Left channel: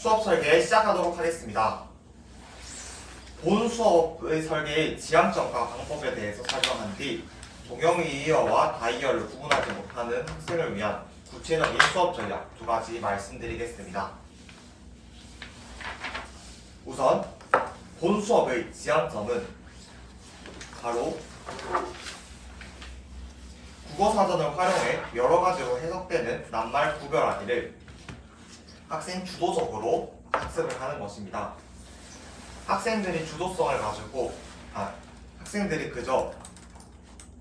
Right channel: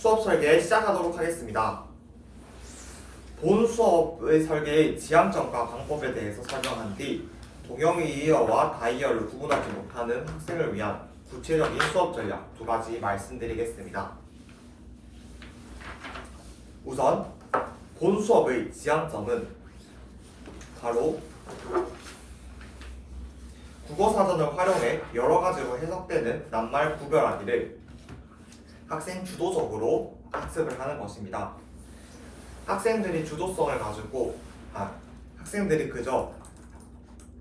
수업 설계 시작하도록 하겠습니다. 본 수업의 설계의 지향점과 방법에 대해서 설명한 뒤 동영이어와 다이어를 구분하지 못하는 학생을 위한 구체적인 수업 전략 두 가지 말씀드리겠습니다. 우선 본 수업의 지향점은 바로 국어사전을 활용해 여러 가지로 해석되는 낱말 구별하기를 학생 주도적으로 학습을 하는 것입니다. 학생들이 주도성을 가지고 학생들이 그저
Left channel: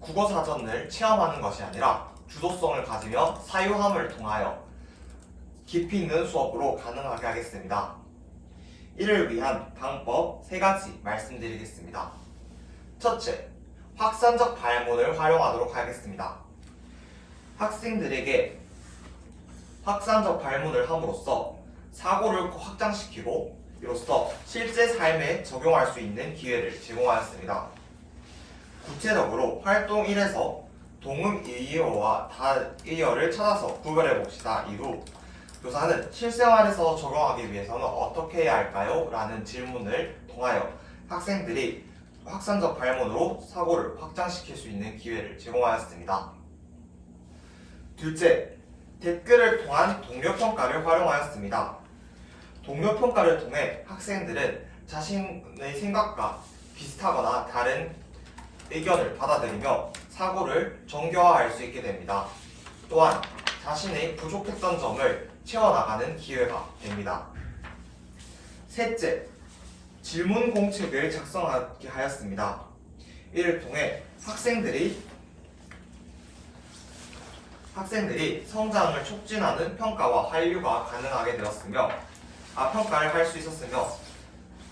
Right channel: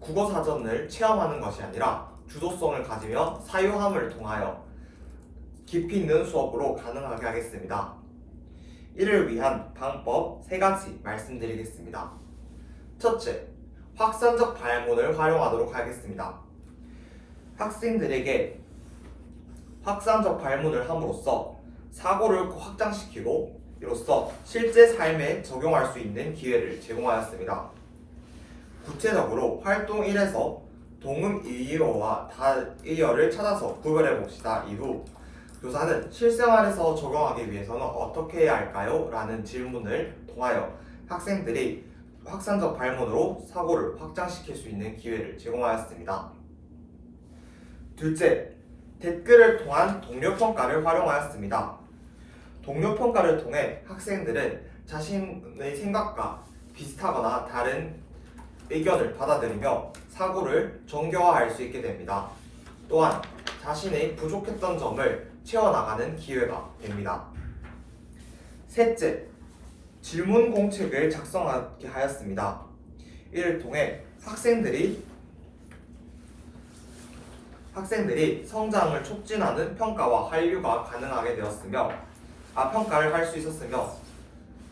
국어사전을 체험하는 것이 아니라 주도성을 가지며 사유함을 통하여 깊이 있는 수업으로 가능하게 하겠습니다. 이를 위한 방법 3가지 말씀드리겠습니다. 첫째, 확산적 발문을 활용하도록 하겠습니다. 학생들에게 확산적 발문을 함으로써 사고를 확장시키고 이로써 실제 삶에 적용할 수 있는 기회를 제공하였습니다. 구체적으로 활동 1에서 동음이어와 다이어를 찾아서 구별해 봅시다. 이후 교사는 실생활에서 적용하기 위해서는 어떻게 해야 할까요? 라는 질문을 통하여 학생들이 확산적 발문으로 사고를 확장시킬 수 있는 기회를 제공하였습니다. 둘째, 댓글을 통한 동료평가를 활용하였습니다. 동료평가를 통해 학생들은 자신의 생각과 비슷하거나 다른 의견을 받아들이며 사고를 정교화할 수 있게 됩니다. 또한 자신의 부족했던 점을 채워나가는 기회가 됩니다. 셋째, 질문 공책을 작성하게 하였습니다. 이를 통해 학생들이 성장을 촉진하는 평가와 한류가 가능하게 되었으며 평가를 할 수 있었으며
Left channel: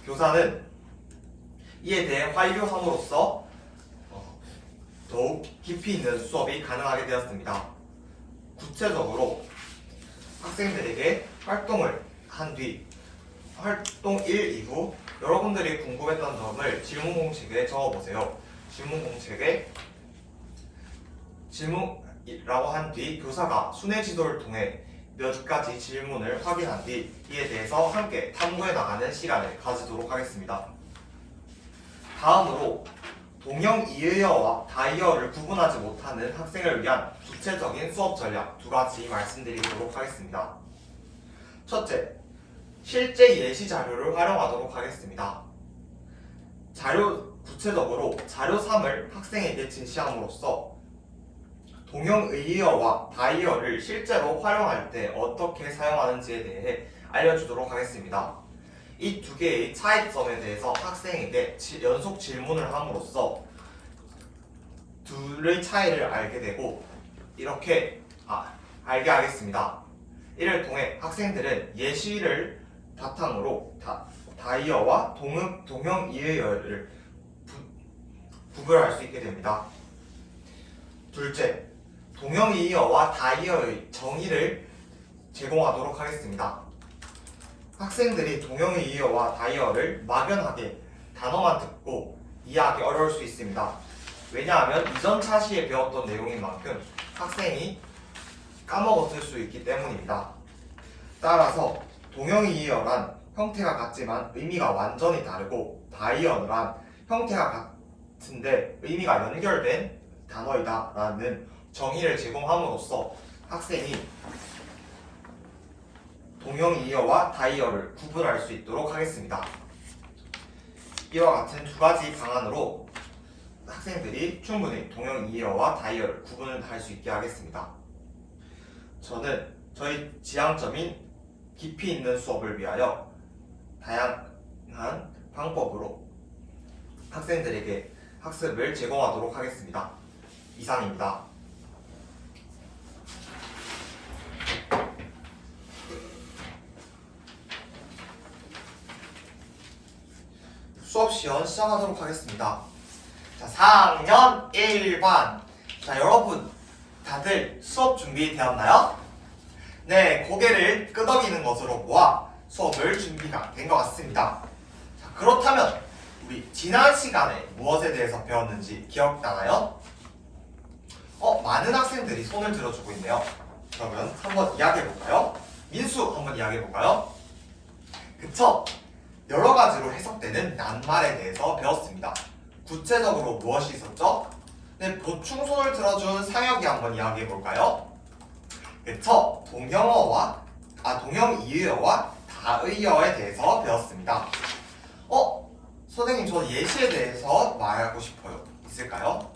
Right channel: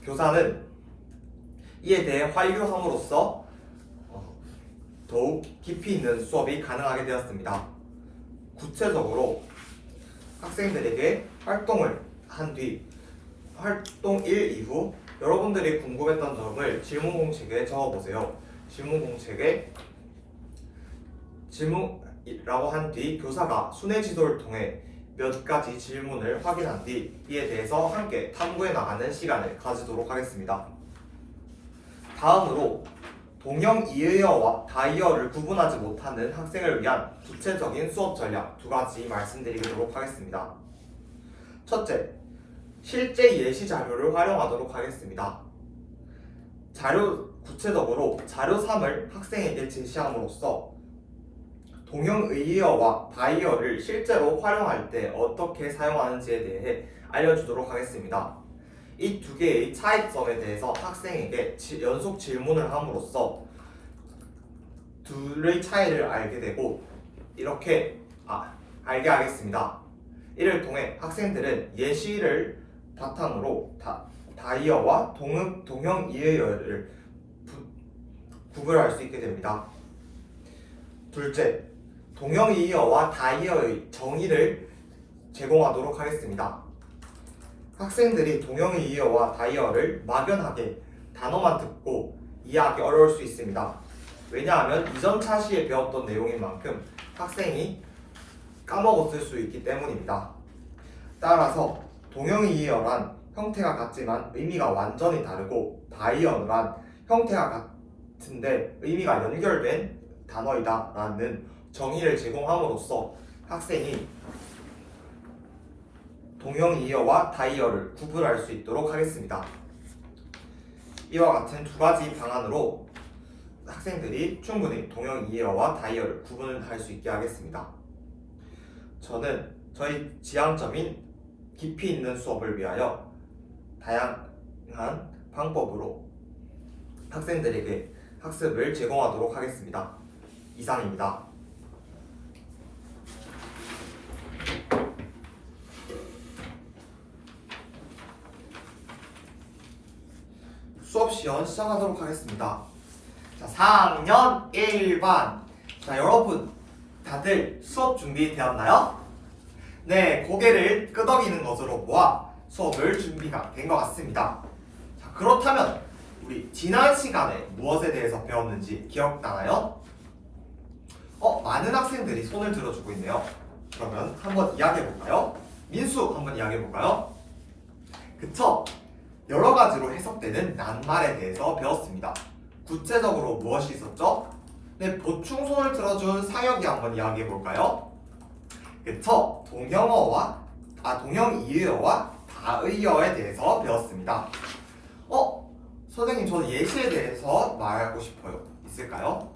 교사는 이에 대해 한류함으로써 더욱 깊이 있는 수업이 가능하게 되었습니다. 구체적으로 학생들에게 활동을 한 뒤 활동 1 이후 여러분들이 궁금했던 점을 질문 공책에 적어보세요. 질문 공책에 질문이라고 한 뒤 교사가 순회 지도를 통해 몇 가지 질문을 확인한 뒤 이에 대해서 함께 탐구해 나가는 시간을 가지도록 하겠습니다. 다음으로 동영이어와 다이어를 구분하지 못하는 학생을 위한 구체적인 수업 전략 2가지 말씀드리도록 하겠습니다. 첫째, 실제 예시 자료를 활용하도록 하겠습니다. 구체적으로 자료 3을 학생에게 제시함으로써 동영이어와 다이어를 실제로 활용할 때 어떻게 사용하는지에 대해 알려주도록 하겠습니다. 이 두 개의 차이점에 대해서 학생에게 연속 질문을 함으로써 둘의 차이를 알게 되고 이렇게 알게 하겠습니다. 이를 통해 학생들은 예시를 바탕으로 다이어와 동영이어를 구별할 수 있게 됩니다. 둘째, 동영이어와 다이어의 정의를 제공하도록 하겠습니다. 학생들이 동영이어와 다이어를 막연하게 단어만 듣고 이해하기 어려울 수 있습니다. 왜냐하면 이전 차시에 배웠던 내용인 만큼 학생이 까먹었을 수 있기 때문입니다. 따라서 동영이어란 형태가 같지만 의미가 완전히 다르고 다이어란 형태가 같은데 의미가 연결된 단어이다 라는 정의를 제공함으로써 학생이 동영이어와 다이어를 구분할 수 있도록 하겠습니다. 이와 같은 2가지 방안으로 학생들이 충분히 동영이어와 다이어를 구분할 수 있게 하겠습니다. 저는 저희 지향점인 깊이 있는 수업을 위하여 다양한 방법으로 학생들에게 학습을 제공하도록 하겠습니다. 이상입니다. 수업 시연 시작하도록 하겠습니다. 자, 4학년 1반. 자, 여러분 다들 수업 준비되었나요? 네, 고개를 끄덕이는 것으로 모아 수업을 준비가 된 것 같습니다. 자, 그렇다면 우리 지난 시간에 무엇에 대해서 배웠는지 기억나나요? 많은 학생들이 손을 들어주고 있네요. 그러면 한번 이야기해볼까요? 민수 한번 이야기해볼까요? 그쵸? 여러 가지로 해석되는 낱말에 대해서 배웠습니다. 구체적으로 무엇이 있었죠? 네, 보충소를 들어준 상혁이 한번 이야기해 볼까요? 그쵸? 동형이의어와 다의어에 대해서 배웠습니다. 선생님, 저는 예시에 대해서 말하고 싶어요. 있을까요?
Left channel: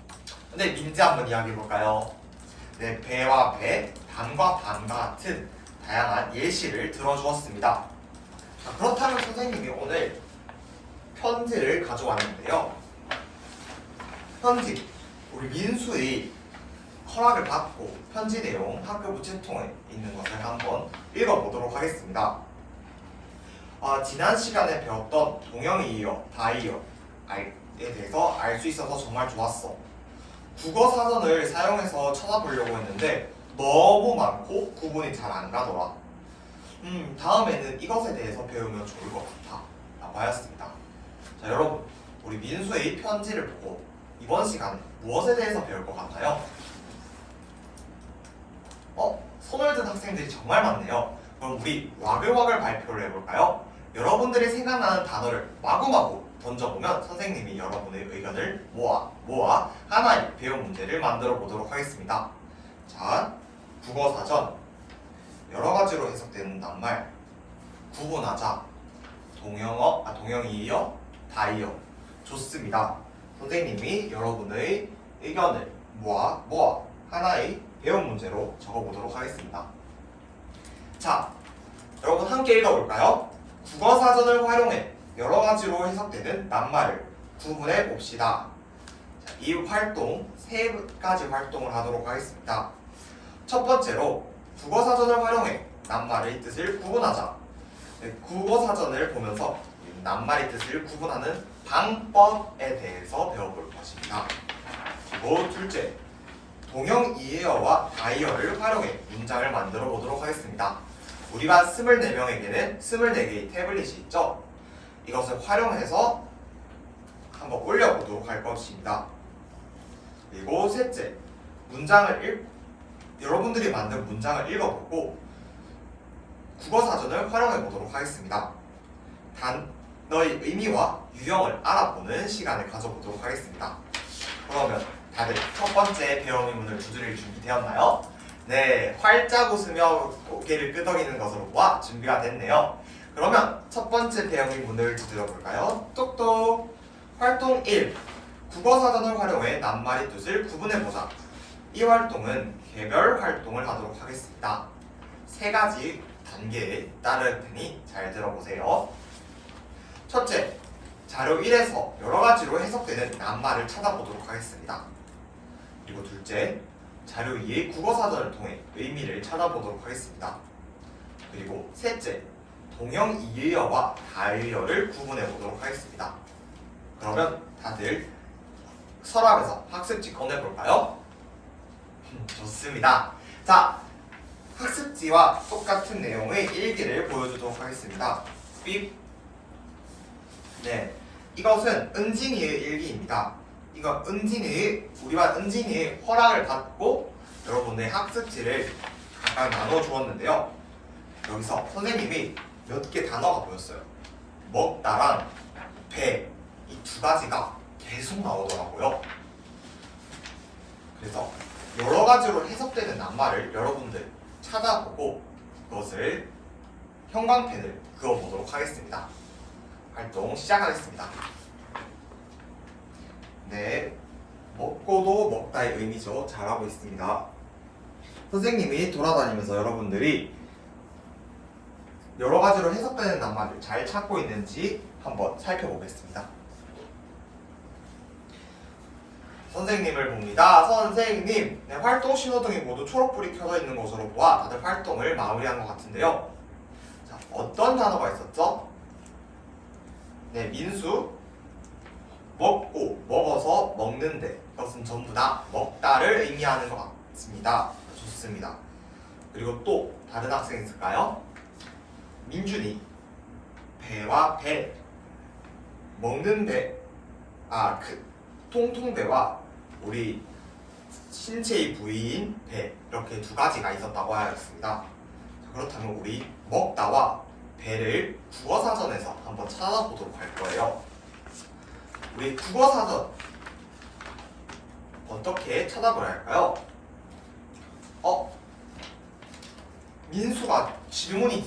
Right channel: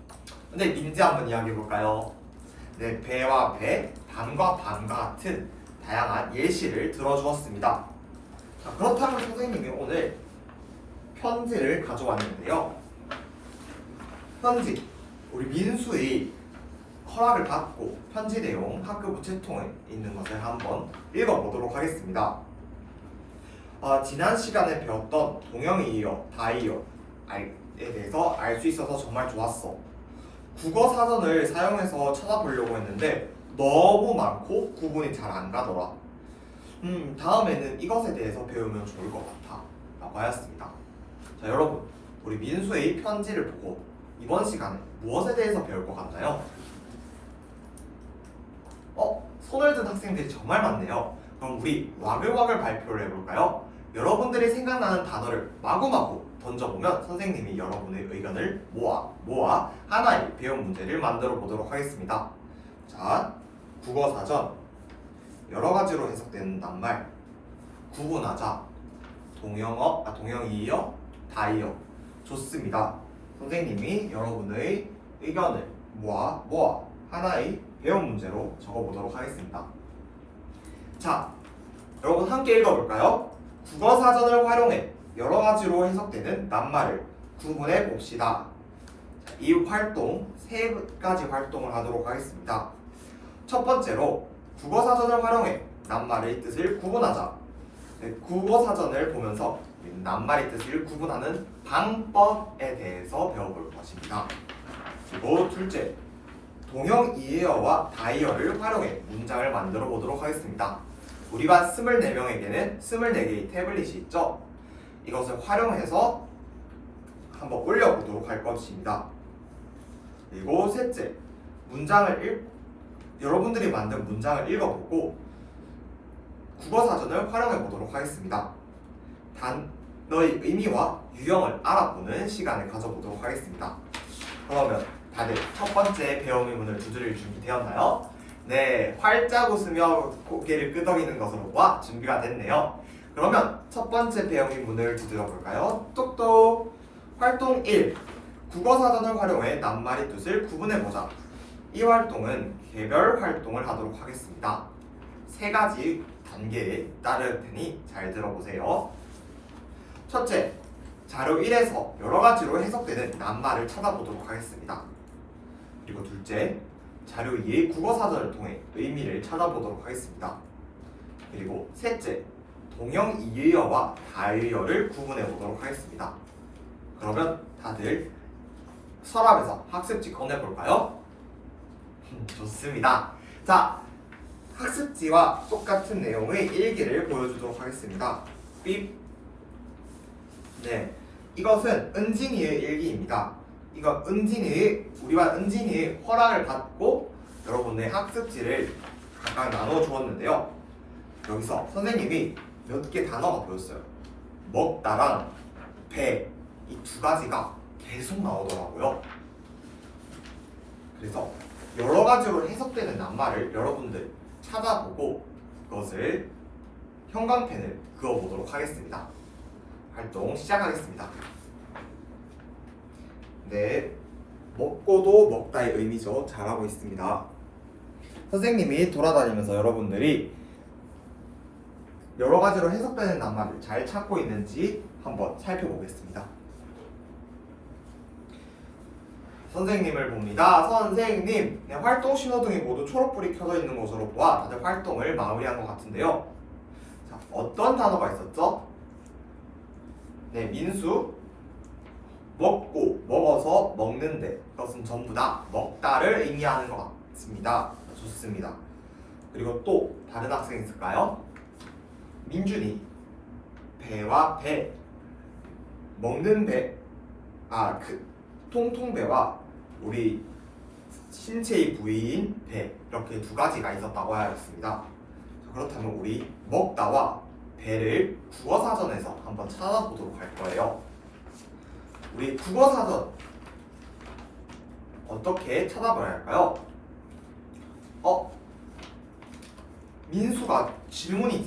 네, 민지 한번 이야기해 볼까요? 네, 배와 배, 방과 방과 같은 다양한 예시를 들어주었습니다. 자, 그렇다면 선생님이 오늘 편지를 가져왔는데요. 편지, 우리 민수의 허락을 받고 편지 내용 학급 우체통에 있는 것을 한번 읽어보도록 하겠습니다. 지난 시간에 배웠던 동형이의어, 다의어에 대해서 알 수 있어서 정말 좋았어. 국어 사전을 사용해서 찾아보려고 했는데 너무 많고 구분이 잘 안 가더라. 다음에는 이것에 대해서 배우면 좋을 것 같아 라고 하였습니다. 자, 여러분, 우리 민수의 편지를 보고 이번 시간에 무엇에 대해서 배울 것 같나요? 손을 든 학생들이 정말 많네요. 그럼 우리 와글와글 발표를 해볼까요? 여러분들이 생각나는 단어를 마구마구 던져보면 선생님이 여러분의 의견을 모아 하나의 배운 문제를 만들어 보도록 하겠습니다. 자, 국어사전. 여러 가지로 해석되는 낱말 구분하자. 동형이의어, 다의어. 좋습니다. 선생님이 여러분의 의견을 모아 하나의 배운 문제로 적어보도록 하겠습니다. 자, 여러분 함께 읽어볼까요? 국어사전을 활용해 여러 가지로 해석되는 낱말을 구분해 봅시다. 자, 이 활동 세 가지 활동을 하도록 하겠습니다. 첫 번째로 국어사전을 활용해 낱말의 뜻을 구분하자. 네, 국어사전을 보면서 낱말의 뜻을 구분하는 방법에 대해서 배워볼 것입니다. 그리고 둘째, 동형이의어와 다의어를 활용해 문장을 만들어 보도록 하겠습니다. 우리 반 24명에게는 24개의 태블릿이 있죠. 이것을 활용해서 한번 올려보도록 할 것입니다. 그리고 셋째, 여러분들이 만든 문장을 읽어보고 국어사전을 활용해 보도록 하겠습니다. 단어의 의미와 유형을 알아보는 시간을 가져보도록 하겠습니다. 그러면 다들 첫 번째 배움의 문을 두드릴 준비 되었나요? 네, 활짝 웃으며 고개를 끄덕이는 것으로 보아 준비가 됐네요. 그러면 첫 번째 배움의 문을 두드려 볼까요? 똑똑! 활동 1. 국어사전을 활용해 낱말의 뜻을 구분해보자. 이 활동은 개별 활동을 하도록 하겠습니다. 세 가지 단계에 따를 테니 잘 들어보세요. 첫째, 자료 1에서 여러 가지로 해석되는 낱말을 찾아보도록 하겠습니다. 그리고 둘째, 자료 2의 국어사전을 통해 의미를 찾아보도록 하겠습니다. 그리고 셋째, 동형이의어와 다의어를 구분해보도록 하겠습니다. 그러면 다들 서랍에서 학습지 꺼내볼까요? 좋습니다. 자, 학습지와 똑같은 내용의 일기를 보여주도록 하겠습니다. 삐. 네, 이것은 은진이의 일기입니다. 이거 우리 반 은진이의 허락을 받고 여러분의 학습지를 각각 나눠 주었는데요. 여기서 선생님이 몇 개 단어가 보였어요. 먹다랑 배, 이 두 가지가 계속 나오더라고요. 그래서 여러 가지로 해석되는 낱말을 여러분들 찾아보고 그것을 형광펜을 그어보도록 하겠습니다. 활동 시작하겠습니다. 네, 먹고도 먹다의 의미죠. 잘하고 있습니다. 선생님이 돌아다니면서 여러분들이 여러 가지로 해석되는 낱말을 잘 찾고 있는지 한번 살펴보겠습니다. 선생님을 봅니다. 선생님, 네, 활동 신호등이 모두 초록불이 켜져 있는 것으로 보아 다들 활동을 마무리한 것 같은데요. 자, 어떤 단어가 있었죠? 네, 민수. 먹어서 먹는데 그것은 전부 다 먹다를 의미하는 것 같습니다. 좋습니다. 그리고 또 다른 학생 있을까요? 민준이. 배와 배, 먹는 배, 통통배와 우리 신체의 부위인 배, 이렇게 두 가지가 있었다고 하였습니다. 그렇다면 우리 먹다와 배를 국어사전에서 한번 찾아보도록 할 거예요. 우리 국어사전 어떻게 찾아봐야 할까요? 민수가 질문이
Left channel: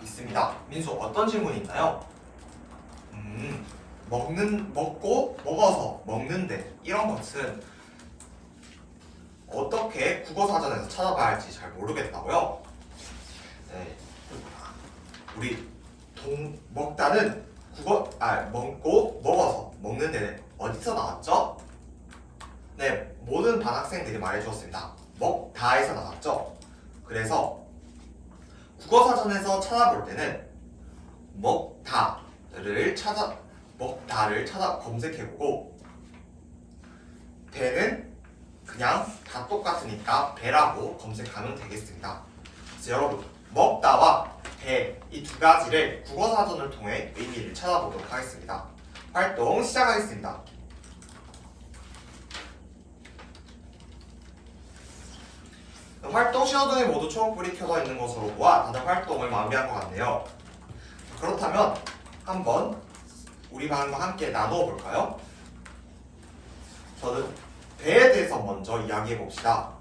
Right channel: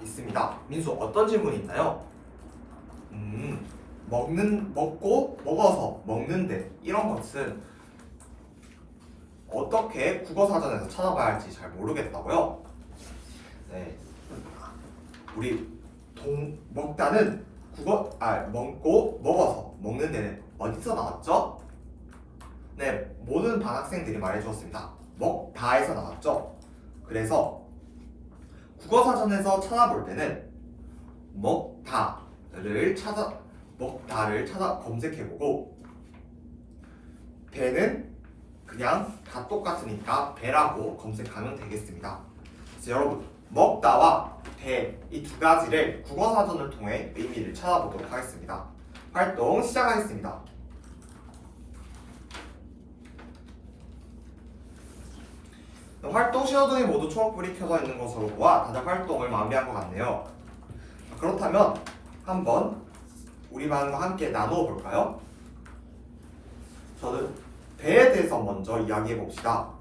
있습니다. 민수 어떤 질문이 있나요? 먹고 먹어서 먹는데 이런 것은 어떻게 국어사전에서 찾아봐야 할지 잘 모르겠다고요? 네. 우리 먹다는 먹고 먹어서 먹는데 어디서 나왔죠? 네, 모든 반 학생들이 말해주었습니다. 먹다에서 나왔죠? 그래서 국어사전에서 찾아볼 때는 먹다를 찾아 검색해보고 배는 그냥 다 똑같으니까 배라고 검색하면 되겠습니다. 그래서 여러분 먹다와 배 이 두 가지를 국어사전을 통해 의미를 찾아보도록 하겠습니다. 활동 시작하겠습니다. 활동 신호등이 모두 초록불이 켜져 있는 것으로 보아 다들 활동을 마무리한 것 같네요. 그렇다면 한번 우리 반과 함께 나누어 볼까요? 저는 배에 대해서 먼저 이야기해 봅시다.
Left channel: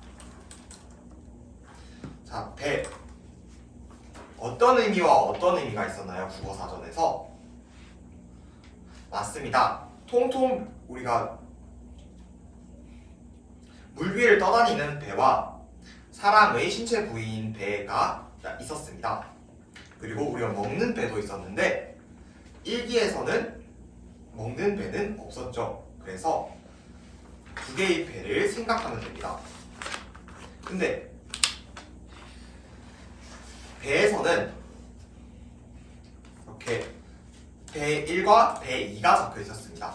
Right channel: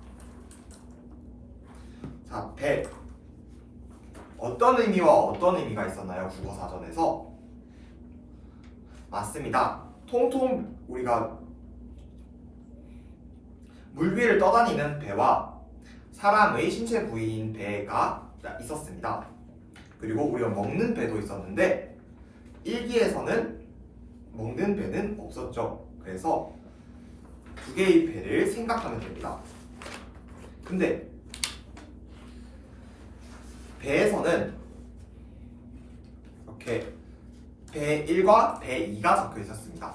자, 배. 어떤 의미와 어떤 의미가 있었나요? 국어사전에서? 맞습니다. 통통 우리가 물 위를 떠다니는 배와 사람의 신체 부위인 배가 있었습니다. 그리고 우리가 먹는 배도 있었는데 일기에서는 먹는 배는 없었죠. 그래서 두 개의 배를 생각하면 됩니다. 근데 배에서는 이렇게 배 1과 배 2가 적혀 있었습니다.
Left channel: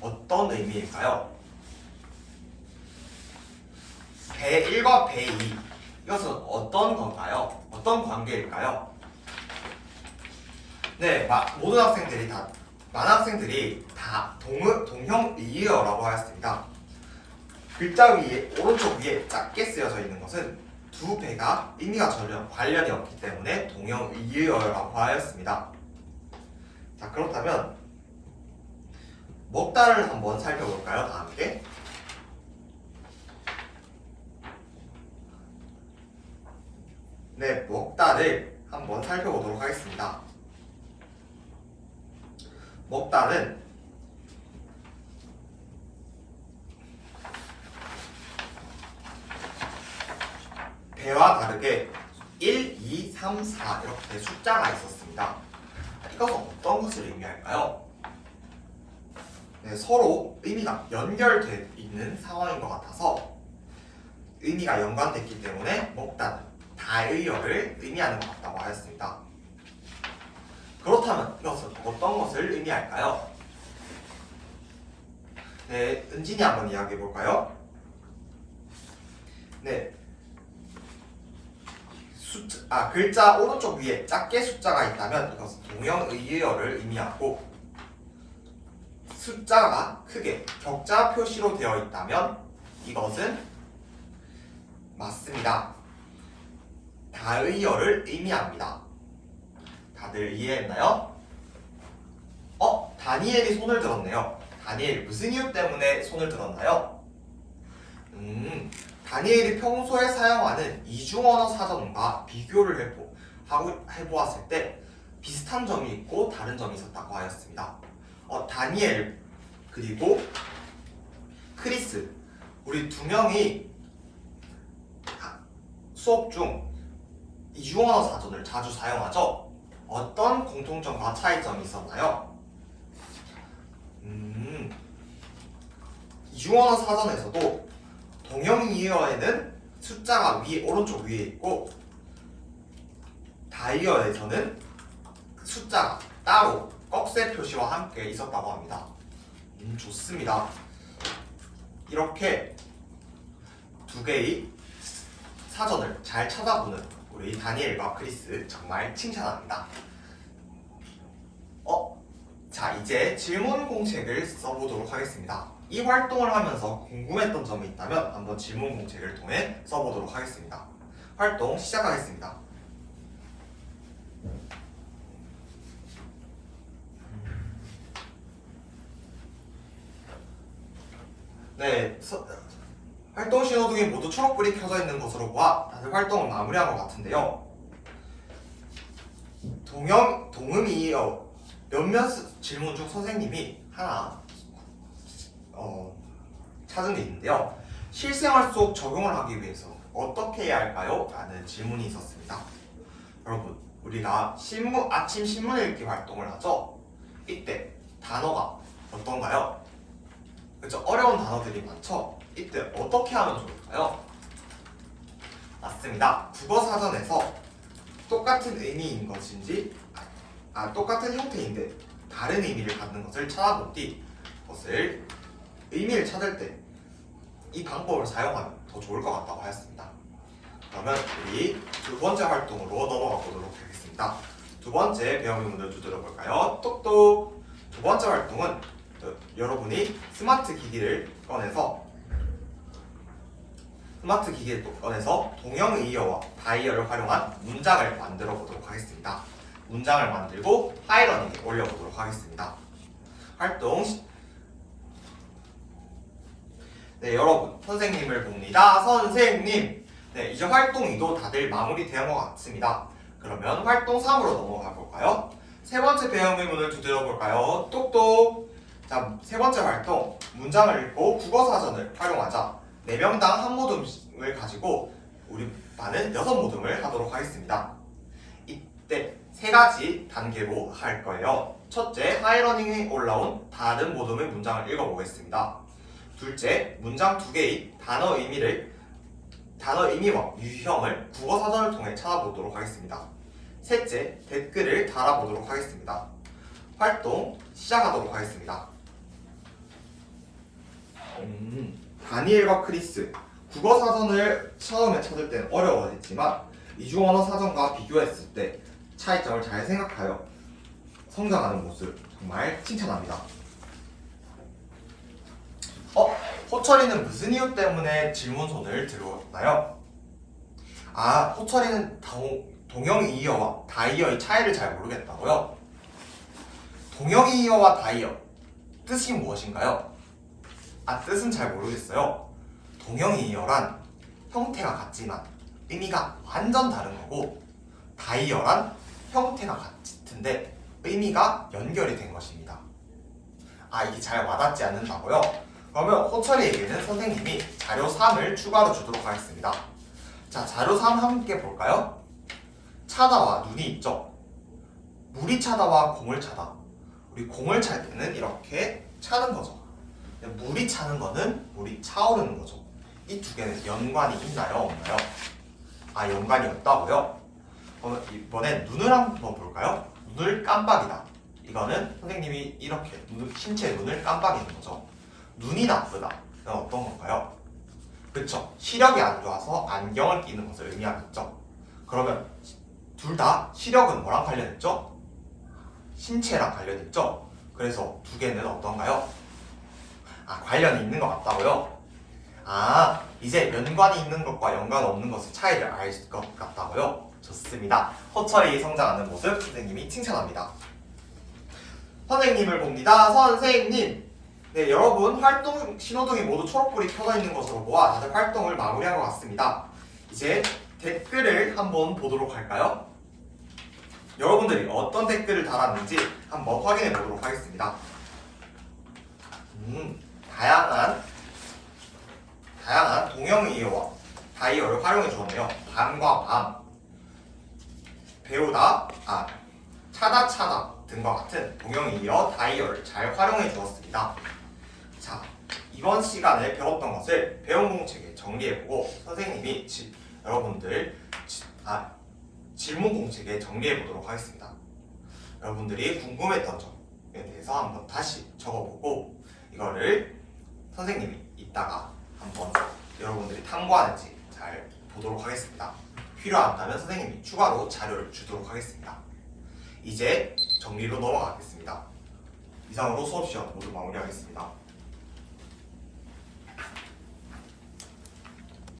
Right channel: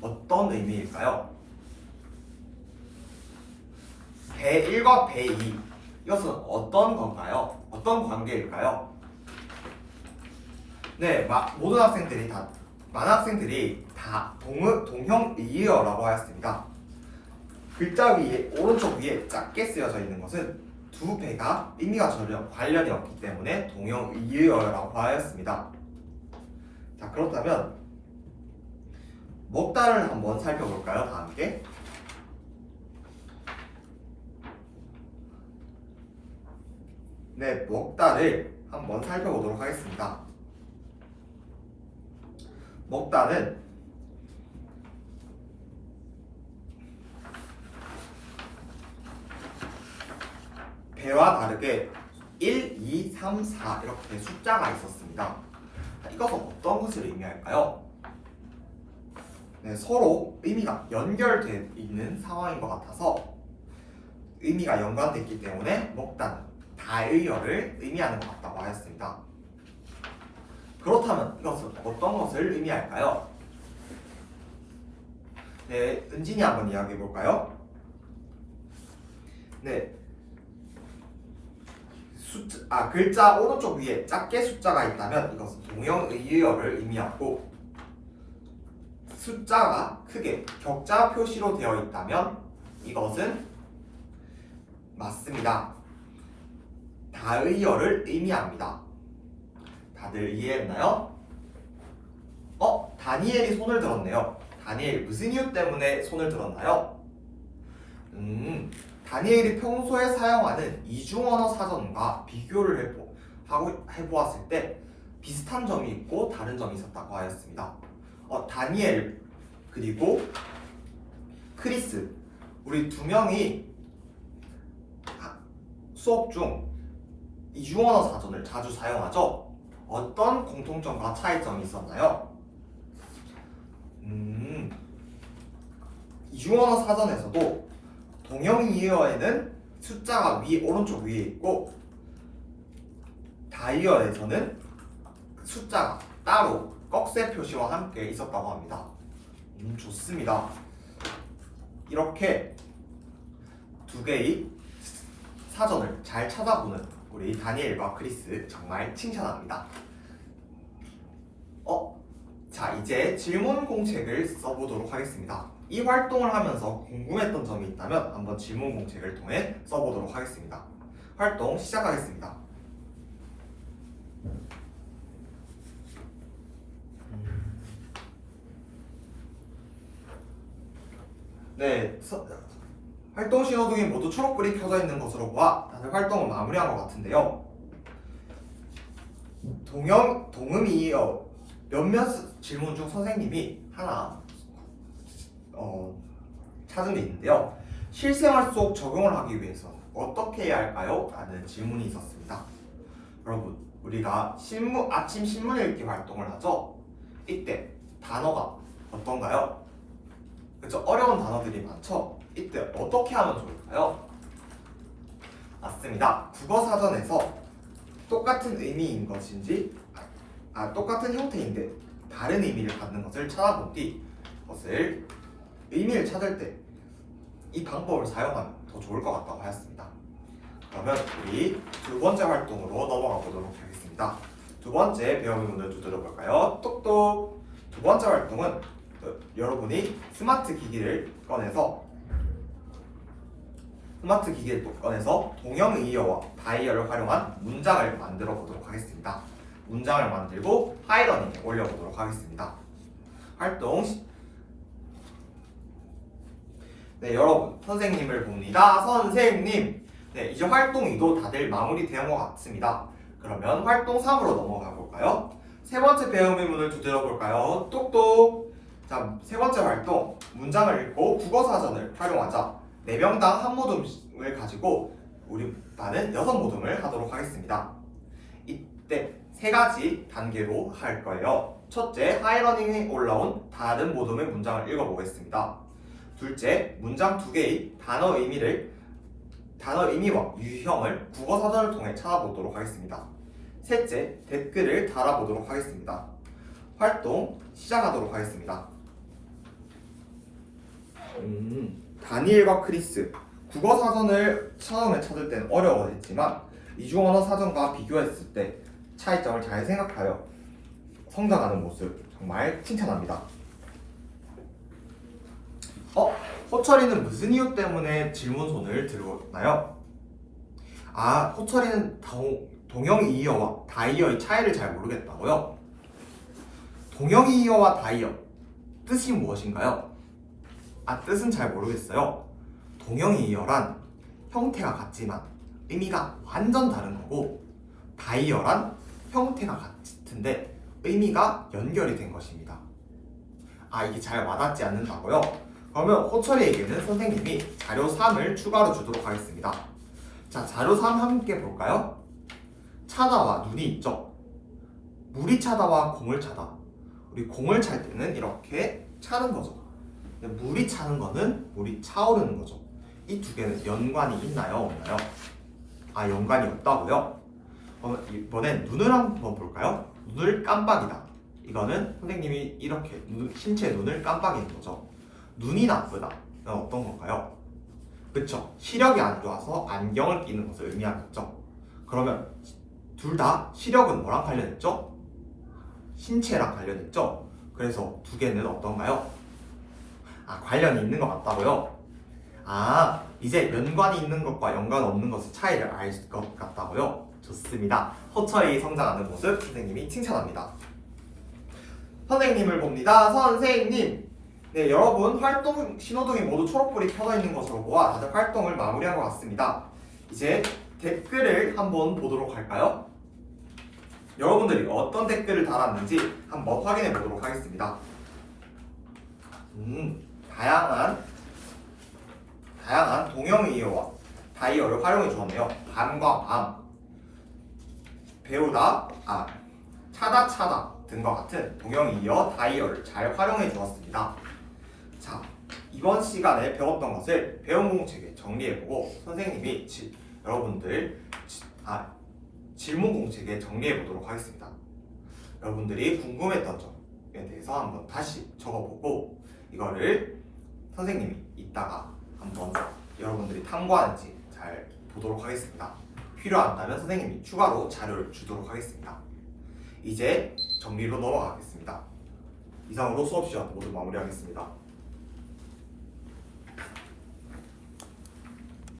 어떤 의미일까요? 배 1과 배 2 이것은 어떤 건가요? 어떤 관계일까요? 네, 많은 학생들이 다 동형의어라고 하였습니다. 글자 위에 오른쪽 위에 작게 쓰여져 있는 것은 두 배가 의미가 전혀 관련이 없기 때문에 동형의어라고 하였습니다. 자, 그렇다면 먹다를 한번 살펴볼까요? 다 함께. 네, 먹다를 한번 살펴보도록 하겠습니다. 먹다는 배와 다르게 1, 2, 3, 4 이렇게 숫자가 있었습니다. 이것은 어떤 것을 의미할까요? 네, 서로 의미가 연결되어 있는 상황인 것 같아서 의미가 연관됐기 때문에 먹다는 다의어를 의미하는 것 같다고 하였습니다. 그렇다면 이것은 어떤 것을 의미할까요? 네, 은진이 한번 이야기해 볼까요? 네, 글자 오른쪽 위에 작게 숫자가 있다면 이것은 동형의어를 의미하고 숫자가 크게 격자 표시로 되어 있다면 이것은 맞습니다. 다의어를 의미합니다. 다들 이해했나요? 다니엘이 손을 들었네요. 다니엘 무슨 이유 때문에 손을 들었나요? 다니엘이 평소에 사용하는 이중언어 사전과 비교를 해보았을 때 비슷한 점이 있고 다른 점이 있었다고 하였습니다. 다니엘 그리고 크리스 우리 두 명이 수업 중 이중언어 사전을 자주 사용하죠. 어떤 공통점과 차이점이 있었나요? 이중언어 사전에서도 동형이어에는 숫자가 오른쪽 위에 있고 다이어에서는 숫자가 따로 꺽쇠 표시와 함께 있었다고 합니다. 좋습니다. 이렇게 두 개의 사전을 잘 찾아보는 우리 다니엘과 크리스 정말 칭찬합니다. 자, 이제 질문 공책을 써보도록 하겠습니다. 이 활동을 하면서 궁금했던 점이 있다면 한번 질문 공책을 통해 써보도록 하겠습니다. 활동 시작하겠습니다. 네, 활동 신호등이 모두 초록불이 켜져 있는 것으로 보아 다들 활동을 마무리한 것 같은데요. 동음이 몇몇 질문 중 선생님이 하나 찾은 게 있는데요. 실생활 속 적용을 하기 위해서 어떻게 해야 할까요? 라는 질문이 있었습니다. 여러분, 우리가 아침 신문 읽기 활동을 하죠. 이때 단어가 어떤가요? 그렇죠? 어려운 단어들이 많죠? 이때 어떻게 하면 좋을까요? 맞습니다. 국어사전에서 똑같은 의미인 것인지 똑같은 형태인데 다른 의미를 갖는 것을 찾아본 뒤 그것을 의미를 찾을 때 이 방법을 사용하면 더 좋을 것 같다고 하였습니다. 그러면 우리 두 번째 활동으로 넘어가 보도록 하겠습니다. 두 번째 배움을 먼저 두드려 볼까요? 똑똑. 두 번째 활동은 여러분이 스마트 기기를 꺼내서 동형의어와 다이어를 활용한 문장을 만들어 보도록 하겠습니다. 문장을 만들고 하이러닝에 올려보도록 하겠습니다. 활동 네, 여러분 선생님을 봅니다. 선생님. 네, 이제 활동 2도 다들 마무리된 것 같습니다. 그러면 활동 3으로 넘어가 볼까요? 세 번째 배움 의문을 두드려 볼까요? 똑똑. 자, 세 번째 활동 문장을 읽고 국어사전을 활용하자. 4명당 한 모듬을 가지고 우리 반은 6모듬을 하도록 하겠습니다. 이때 3가지 단계로 할 거예요. 첫째, 하이러닝에 올라온 다른 모듬의 문장을 읽어보겠습니다. 둘째, 문장 2개의 단어 의미와 유형을 국어사전을 통해 찾아보도록 하겠습니다. 셋째, 댓글을 달아보도록 하겠습니다. 활동 시작하도록 하겠습니다. 다니엘과 크리스. 국어사전을 처음에 찾을 때는 어려워했지만 이중언어사전과 비교했을 때 차이점을 잘 생각하여 성장하는 모습 정말 칭찬합니다. 호철이는 무슨 이유 때문에 질문손을 들었나요? 호철이는 동형이어와 다이어의 차이를 잘 모르겠다고요? 동형이어와 다이어 뜻이 무엇인가요? 뜻은 잘 모르겠어요. 동형이어란 형태가 같지만 의미가 완전 다른 거고, 다이어란 형태가 같은데 의미가 연결이 된 것입니다. 이게 잘 와닿지 않는다고요? 그러면 호철이에게는 선생님이 자료 3을 추가로 주도록 하겠습니다. 자, 자료 3 함께 볼까요? 차다와 눈이 있죠? 물이 차다와 공을 차다. 우리 공을 찰 때는 이렇게 차는 거죠. 물이 차는 거는 물이 차오르는 거죠. 이 두 개는 연관이 있나요? 없나요? 연관이 없다고요? 그럼 이번엔 눈을 한번 볼까요? 눈을 깜빡이다. 이거는 선생님이 이렇게 신체의 눈을 깜빡이는 거죠. 눈이 나쁘다. 어떤 건가요? 그쵸. 시력이 안 좋아서 안경을 끼는 것을 의미하겠죠. 그러면 둘 다 시력은 뭐랑 관련했죠? 신체랑 관련했죠. 그래서 두 개는 어떤가요? 관련이 있는 것 같다고요? 이제 연관이 있는 것과 연관 없는 것의 차이를 알 것 같다고요? 좋습니다. 호철이 성장하는 모습 선생님이 칭찬합니다. 선생님을 봅니다. 선생님. 네, 여러분 활동 신호등이 모두 초록불이 켜져 있는 것으로 보아 다들 활동을 마무리한 것 같습니다. 이제 댓글을 한번 보도록 할까요? 여러분들이 어떤 댓글을 달았는지 한번 확인해 보도록 하겠습니다. 다양한 동형이어와 다이어를 활용해 주었네요. 밤과 밤, 배우다, 차다 등과 같은 동형이어 다이어를 잘 활용해 주었습니다. 자, 이번 시간에 배웠던 것을 배운 공책에 정리해보고 선생님이 여러분들 질문 공책에 정리해보도록 하겠습니다. 여러분들이 궁금했던 점에 대해서 한번 다시 적어보고 이거를 선생님이 이따가 한번 여러분들이 탐구하는지 잘 보도록 하겠습니다. 필요하다면 선생님이 추가로 자료를 주도록 하겠습니다. 이제 정리로 넘어가겠습니다. 이상으로 수업 시간 모두 마무리하겠습니다.